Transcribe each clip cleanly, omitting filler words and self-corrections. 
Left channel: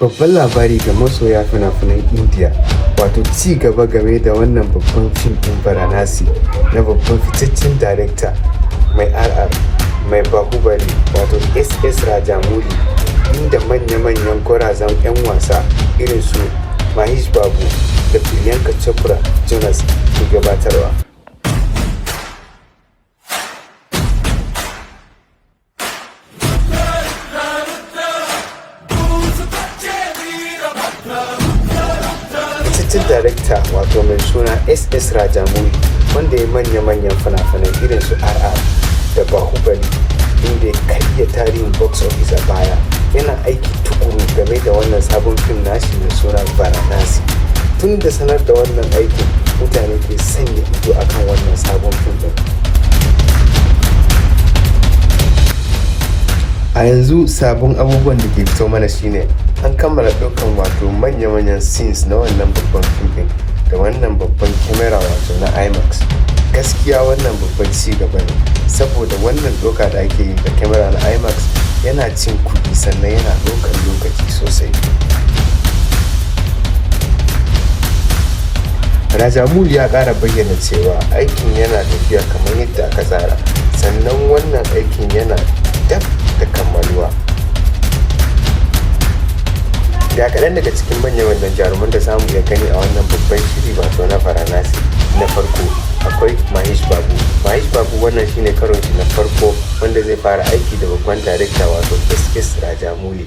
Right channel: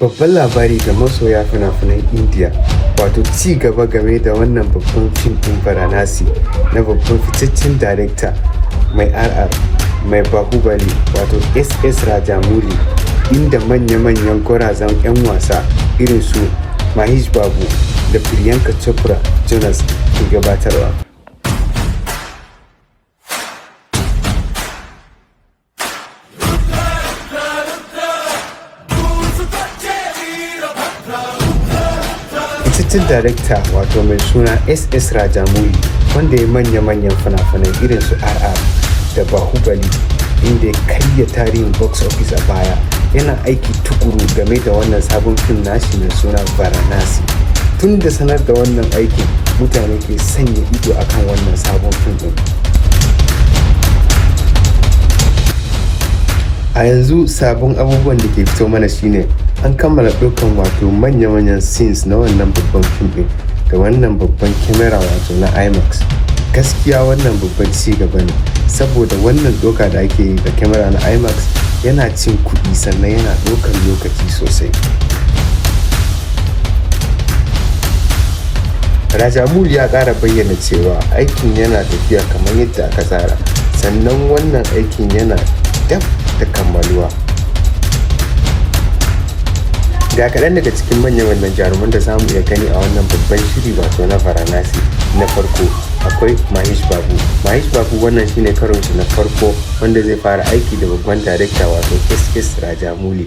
Babban labari ga masoya fina-finan Indiya, wato ci gaba game da wannan babban fim ɗin Varanasi na babban fitaccen darekta mai RR mai Bahubali wato SS Rajamouli, inda manya-manyan gwarazan 'yan wasa irin su Mahesh Babu da Priyanka Chopra Jonas ke gabatarwa. Fitaccen darekta wato mai suna SS Rajamouli, wanda ya manya-manyan fina-finai irin su RR da Bahubali, inda ya karya tarihin box office a baya, yana aiki tukuru game da wannan sabon fim nashi mai suna Varanasi. Tun da sanar da wannan aiki, mutane ke sanya ido akan wannan sabon fim din. A yanzu sabon abubuwan da ke fito mana shine an kammala ɗaukar wato manya-manyan scenes na wannan babban fim da wannan babban kyamara wato na IMAX. Gaskiya wannan babban ci gaba ne, saboda wannan doka da ake yi da kyamara na IMAX yana cin kuɗi sannan yana ɗaukar lokaci sosai. Rajamouli ya ƙara bayyana cewa aikin yana tafiya kamar yadda aka tsara, sannan wannan aikin yana dab da kammaluwa. Ga kaɗan daga cikin manya-manyan jaruman da zamu iya gani a wannan babban shiri wato na Varanasi. Na farko akwai Mahesh Babu. Mahesh Babu wannan shine karon na farko wanda zai fara aiki da babban darekta wato SS Rajamouli.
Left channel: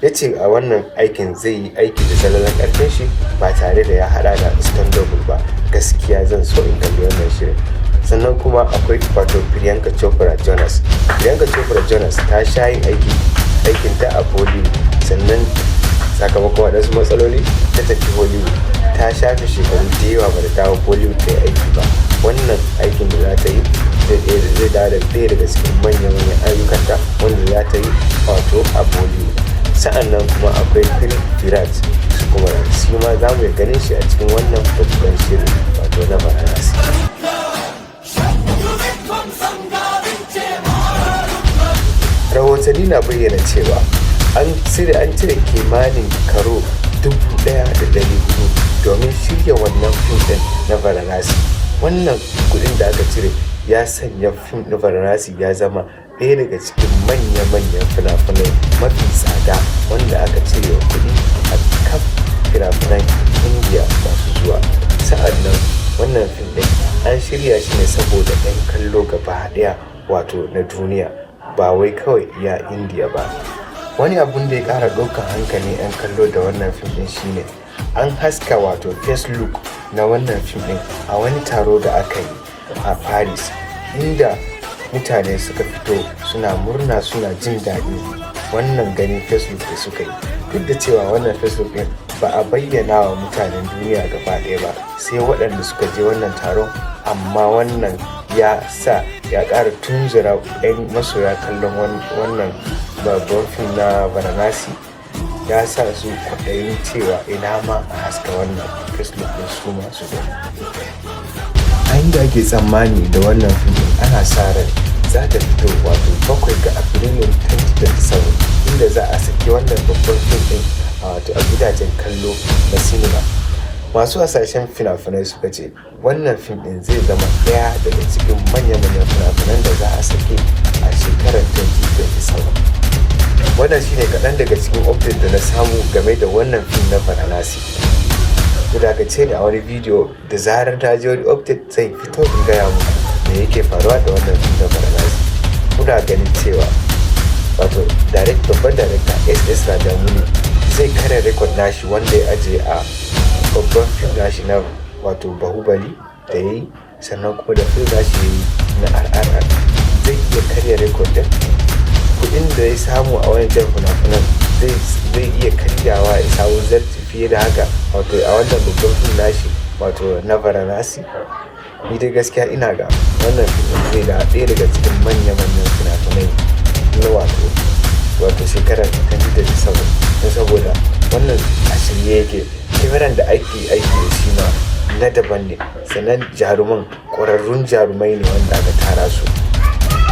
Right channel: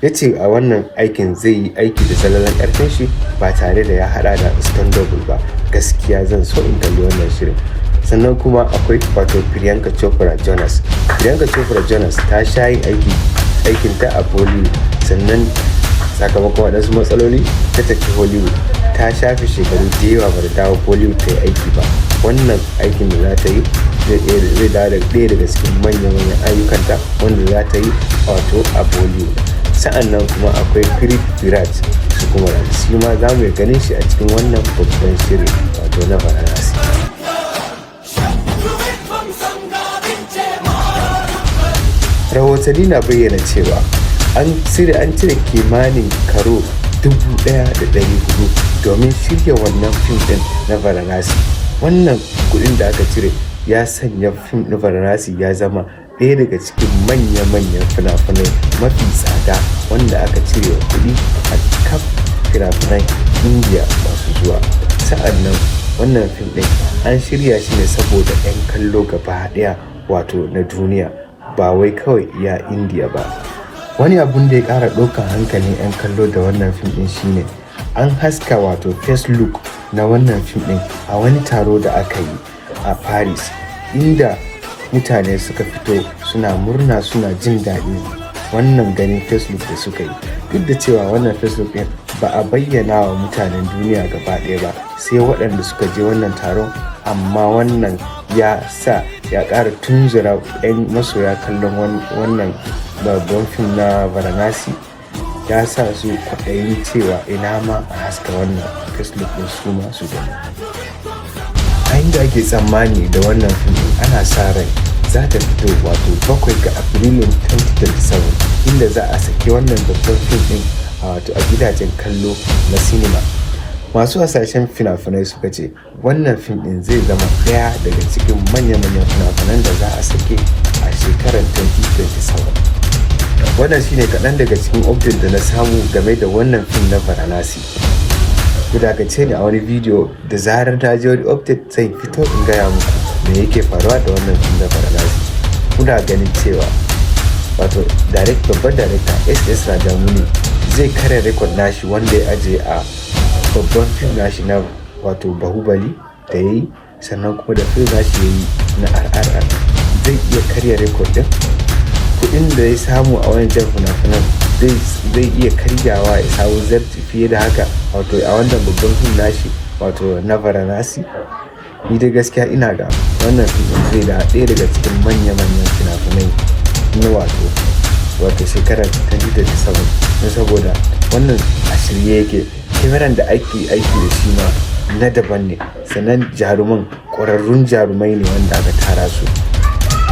Ya ce a wannan aikin zai yi aiki da salalan ƙarfin shi ba tare da ya haɗa da double ba. Gaskiya zan so in kalli wannan shirin. Sannan kuma akwai wato Priyanka Chopra Jonas. Priyanka Chopra Jonas ta sha yi aikin ta a Bollywood, sannan sakamakon waɗansu matsaloli ta tafi Hollywood. Ta shafe shekaru da yawa ba da dawo Bollywood ta yi aiki ba. Wannan aikin da za ta yi zai dawo da ɗaya daga cikin manyan ayyukanta wanda za ta yi wato a Bollywood. Sa'annan kuma akwai Virat, kuma shi ma za mu ganin shi a cikin wannan babban shirin wato na Varanasi. Rahotanni na bayyana cewa an cire kimanin karo 1,200 domin shirya wannan fim ɗin na Varanasi. Wannan kuɗin da aka cire ya sanya fim na Varanasi ya zama ɗaya daga cikin manya-manyan fina-finai mafi tsada wanda aka cire kuɗi a kaf fina-finan Indiya masu zuwa. Sa'annan wannan fim ɗin an shirya shi ne saboda 'yan kallo gaba ɗaya wato na duniya, ba wai kawai iya Indiya ba. Wani abun da ya ƙara ɗaukar hankali 'yan kallo da wannan fim ɗin shine an haska wato first look na wannan fim ɗin a wani taro da aka yi a Paris, inda mutane suka fito suna murna suna jin daɗi wannan ganin Facebook da suka yi. Duk da cewa wannan Facebook ɗin ba a bayyana wa mutanen duniya gaba ɗaya ba, sai waɗanda suka je wannan taron, amma wannan ya sa ya ƙara tunzura 'yan masoya kallon wannan babban fim na Varanasi, ya sa su kwaɗayi cewa ina ma a haska wannan Facebook ɗin su masu gani. A inda ake tsammani da wannan fim ana sa rai za ta fito wato 7 ga Afrilun 2027, inda za a saki wannan babban fim ɗin a wato a gidajen kallo na sinima. Masu hasashen fina-finai suka ce wannan fim ɗin zai zama ɗaya daga cikin manya-manyan fina-finan da za a sake a shekarar 2027. Wannan shine kaɗan daga cikin update da na samu game da wannan fim na Varanasi. Ku dakace ni a wani bidiyo da zarar ta ji wani update zai fito in gaya muku me yake faruwa da wannan fim na Varanasi. Kuna ganin cewa wato babban darekta SS Rajamouli zai kare rekod nashi wanda ya ajiye a babban fim nashi na wato Bahubali da ya yi, sannan kuma da fim nashi ya yi na RR zai iya karya rekod din. Kuɗin da ya samu a wani jan fina-finan zai iya karyawa ya samu zarti fiye da haka wato a wannan babban fim nashi wato na Varanasi. Ni da gaskiya ina ga wannan fim zai da ɗaya daga cikin manya-manyan fina-finai na wato shekarar 2027, na saboda wannan a shirye yake. Kyamaran da ake aiki da shi ma na daban ne, sannan jaruman ƙwararrun jarumai ne wanda aka tara su.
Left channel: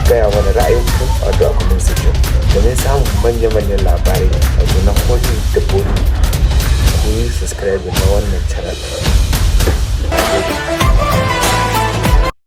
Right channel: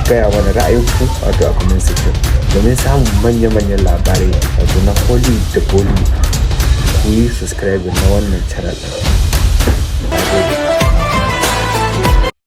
Gaya wani ra'ayinku wato a comment section domin samun manya-manyan labarai wato na Hollywood da Bollywood. subscribe na wannan channel.